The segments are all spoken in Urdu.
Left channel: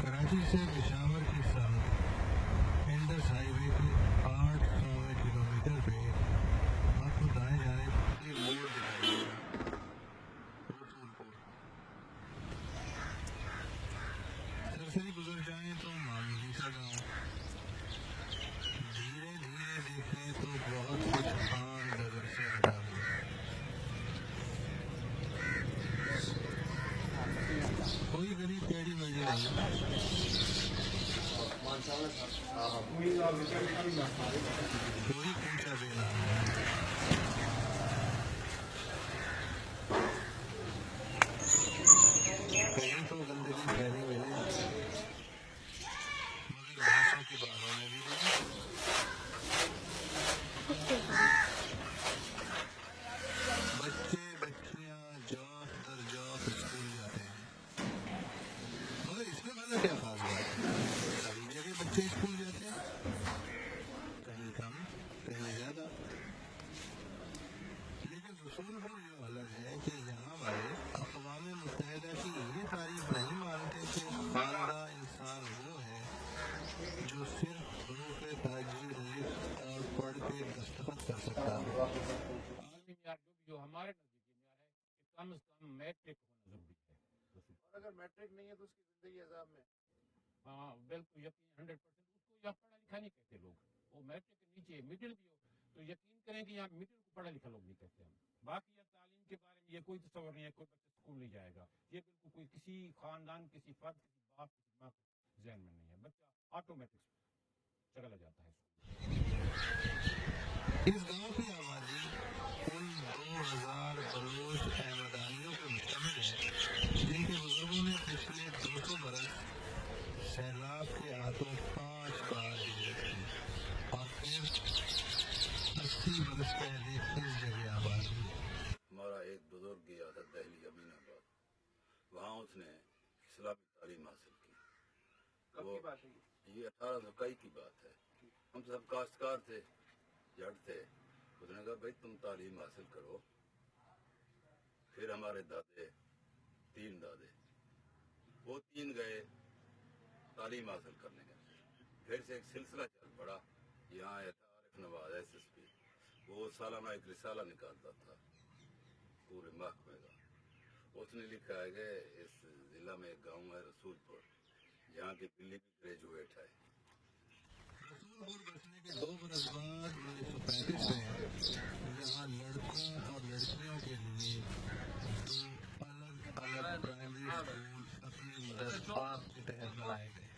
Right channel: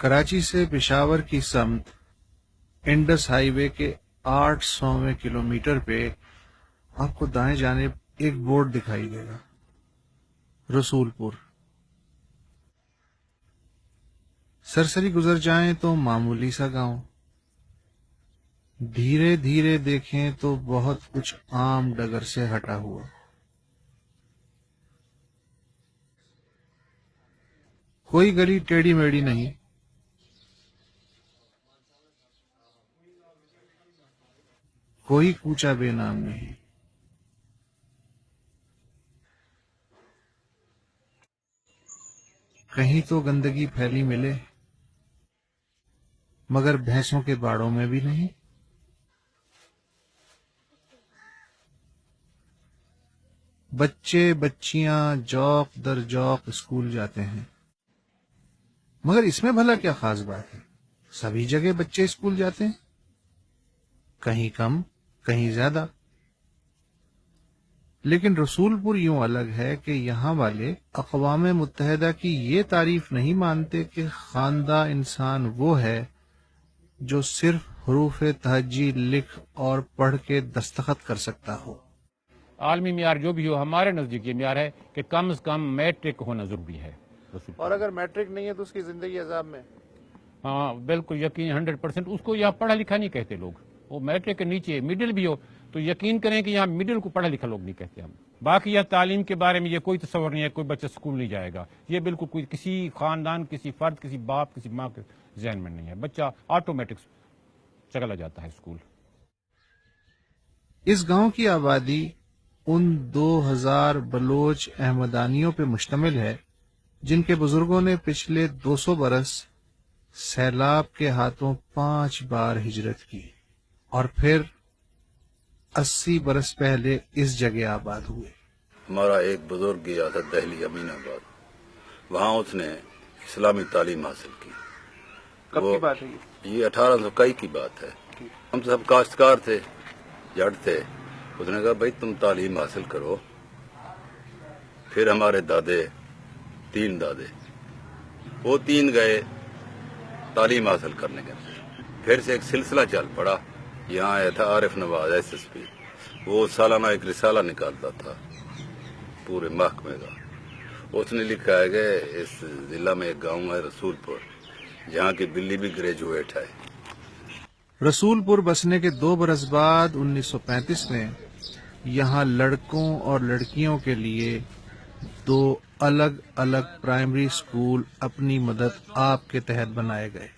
کراچی سے پشاور کی سمت انڈس ہائی وے کے 800ویں کلومیٹر پہ آپ کو دائیں جانب ایک بورڈ دکھائی دے گا، رسول پور۔ سرسری گزر جائیں تو معمولی سا گاؤں، دھیرے دھیرے دیکھیں تو بہت کچھ عام ڈگر سے ہٹا ہوا۔ کوئی گلی ٹیڑھی میڑھی نہیں، کوئی کوچہ بے نام نہیں۔ کہیں تو گندگی پھیلی ملے، مگر بھینسوں کے باڑوں میں بھی نہیں۔ بچے بچیاں جوق در جوق اسکول جاتے ہیں، مگر اس میں بھلا کیا خاص بات ہے؟ سبھی جگہ بچے اسکول جاتے ہیں، کہیں کم کہیں زیادہ۔ لیکن رسول پور یوں الگ ہے کہ یہاں والے اقوام متحدہ کی یہ تعریف نہیں مانتے کہ خواندہ انسان وہ ہے جو صرف حروف تہجی لکھ اور پڑھ کے دستخط کر سکتا ہو۔ عالمی معیار جو بھی ہو، ہمارے نزدیک یہ معیار ہے کہ کم از کم میٹرک ہونا ضروری ہے۔ اور اگر میٹرک نہیں ہے تو اس کی زندگی عذاب میں؟ ہاں بالکل یقین 100%۔ اس کو یہاں پڑھا لکھا نہیں کہتے لوگ، وہ میٹرک کے نیچے مڈل بھی ہو تو یقین کریں کہ یہاں مڈل کو پڑھا لکھا لوگ نہیں کہتے ہم۔ باقی یہ تعلیم کے بارے میں یہ کوئی تصور نہیں ہے کوئی بچہ اسکول نہیں جائے گا، یہ بالکل کوئی کسی خاندان کسی فرد کسی باپ کسی ماں کے ذہن میں نہیں ہے۔ بچہ آٹومیٹک چلا جاتا ہے اسکول۔ اس گاؤں کی آبادی ان 2000 بلوچ احمدانیوں پہ مشتمل ہے جن کے بزرگوں نے پچھلے 200 برس سیلاب کے ہاتھوں 5 بار ہجرت کی اور پھر 80 برس پہلے اس جگہ آباد ہوئے۔ ہمارا ایک بزرگ گیا تھا دہلی امین آباد، وہاں اس نے اسلامی تعلیم حاصل کی۔ کب کی بات ہے یہ 1821 کی بات ہے۔ ہم سب کاشتکار تھے، جٹ تھے۔ اس نے کہا بھائی تم تعلیم حاصل کرو۔ پھر ہمارے دادے، 3 دادے، وہ 3 گئے تعلیم حاصل کرنے کے۔ پھر سے ایک سلسلہ چل پڑا۔ یہاں آیا تھا عارف نواز SSP، وہ سالانہ ایک رسالہ نکالتا تھا پورے محکمے کا۔ اس نے لکھا ہے کہ اس ضلع میں ایک گاؤں ہے رسول پور، جہاں کی بلی بھی گریجویٹ ہے۔ رسول پور بسنے کے 2 برس بعد 1935 میں یہاں لڑکوں اور لڑکیوں کے لیے 2 الگ الگ پرائمری اسکول اپنی مدد آپ کے تحت بنائے گئے۔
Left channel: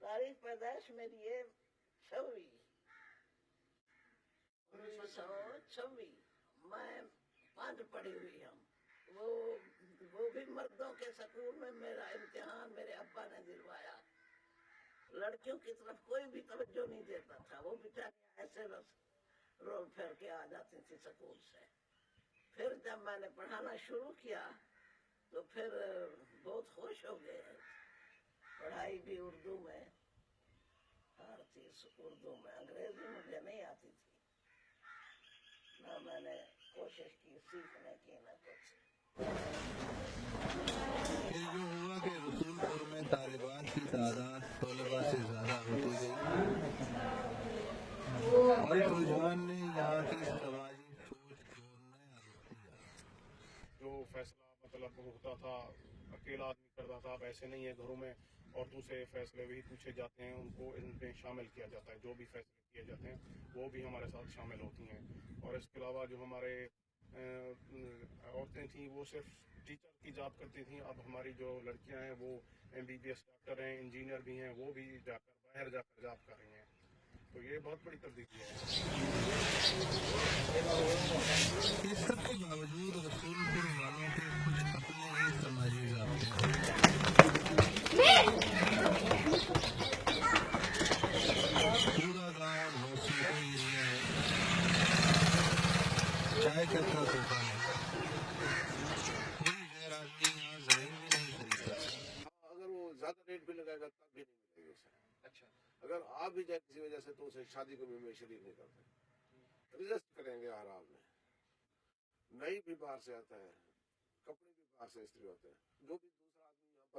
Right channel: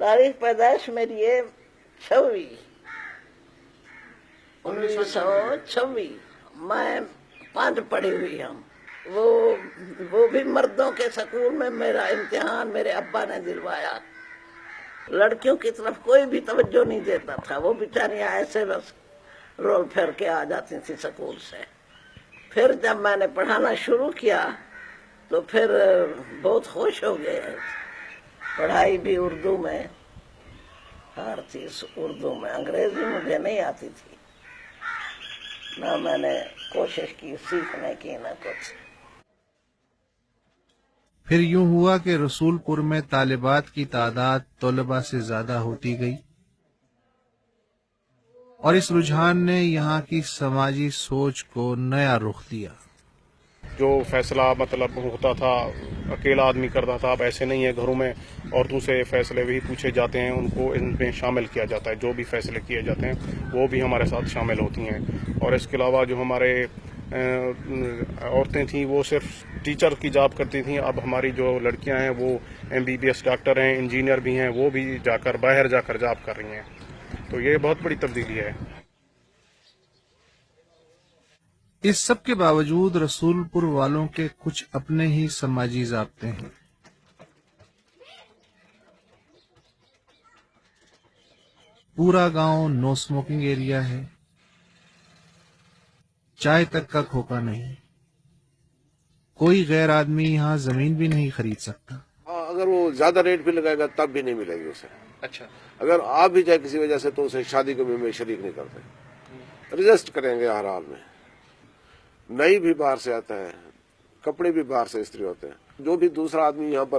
تاریخ پیدائش میری ہے 1926۔ میں 5 پڑھی ہوئی ہوں۔ وہ بھی مردوں کے سکول میں میرا امتحان میرے ابا نے دلوایا۔ لڑکیوں کی طرف کوئی بھی توجہ نہیں دیتا تھا، وہ بیچاریاں ایسے بس رول پھیر کے آ جاتی تھی سکول سے۔ پھر جب میں نے پڑھانا شروع کیا تو پھر بہت خوش ہو گئے۔ پڑھائی بھی اردو میں، ہر چیز اردو میں۔ انگریزی مجھے نہیں آتی تھی، نہ میں نے کوشش کی سیکھنے کی نہ کچھ۔ پھر یوں ہوا کہ رسول پور میں طالبات کی تعداد طلباء سے زیادہ ہوتی گئی اور اس رجحان نے یہاں کی سماجی سوچ کو نیا رخ دیا۔ جو فیصلہ مطلب ہوتا تھا اکیلا آدمی کرتا تھا، اب ایسے نہیں ہے۔ گھروں میں عورتوں سے فیصلے بھی پوچھے جاتے ہیں، ان کو ان میں شامل کیا جاتا ہے۔ جو بھی فیصلے کیے جاتے ہیں وہ بھی ہمارے ساتھ شامل ہوتی ہیں۔ اور اس کے علاوہ جو ہمارے عورتیں تھیں وہ صرف ٹیچر کی جاب کرتی تھیں، اب ہماری جو لڑکیاں ہیں وہ MBBS ڈاکٹر ہیں، انجینئر بھی ہیں، وہ بھی باہر جا کر جاب کر رہی ہیں۔ تو یہ بہت بڑی تبدیلی ہے۔ اس سب کے باوجود رسول پور والوں کے کچھ اپنے ہی سماجی ضابطے ہیں۔ پورا گاؤں نو اسموکنگ ایریا ہے، چائے تک کا کھوکا نہیں، کوئی غیر آدمی یہاں زمین بھی نہیں خرید سکتا۔ اگر وہ زیادہ ریٹ بھی لگائے گا تب بھی نہیں ملے گی اسے۔ اچھا، اگر آپ بھی جائے کسی وجہ سے تو اسے شادی کے میں شریک نہیں کرتے، رجسٹ کریں گے ہر حال میں۔ نئی بھی باہر سے آتا ہے، کپڑے بھی باہر سے استری ہوتے ہیں۔ جو بھی دوسرا آدمی یہاں پر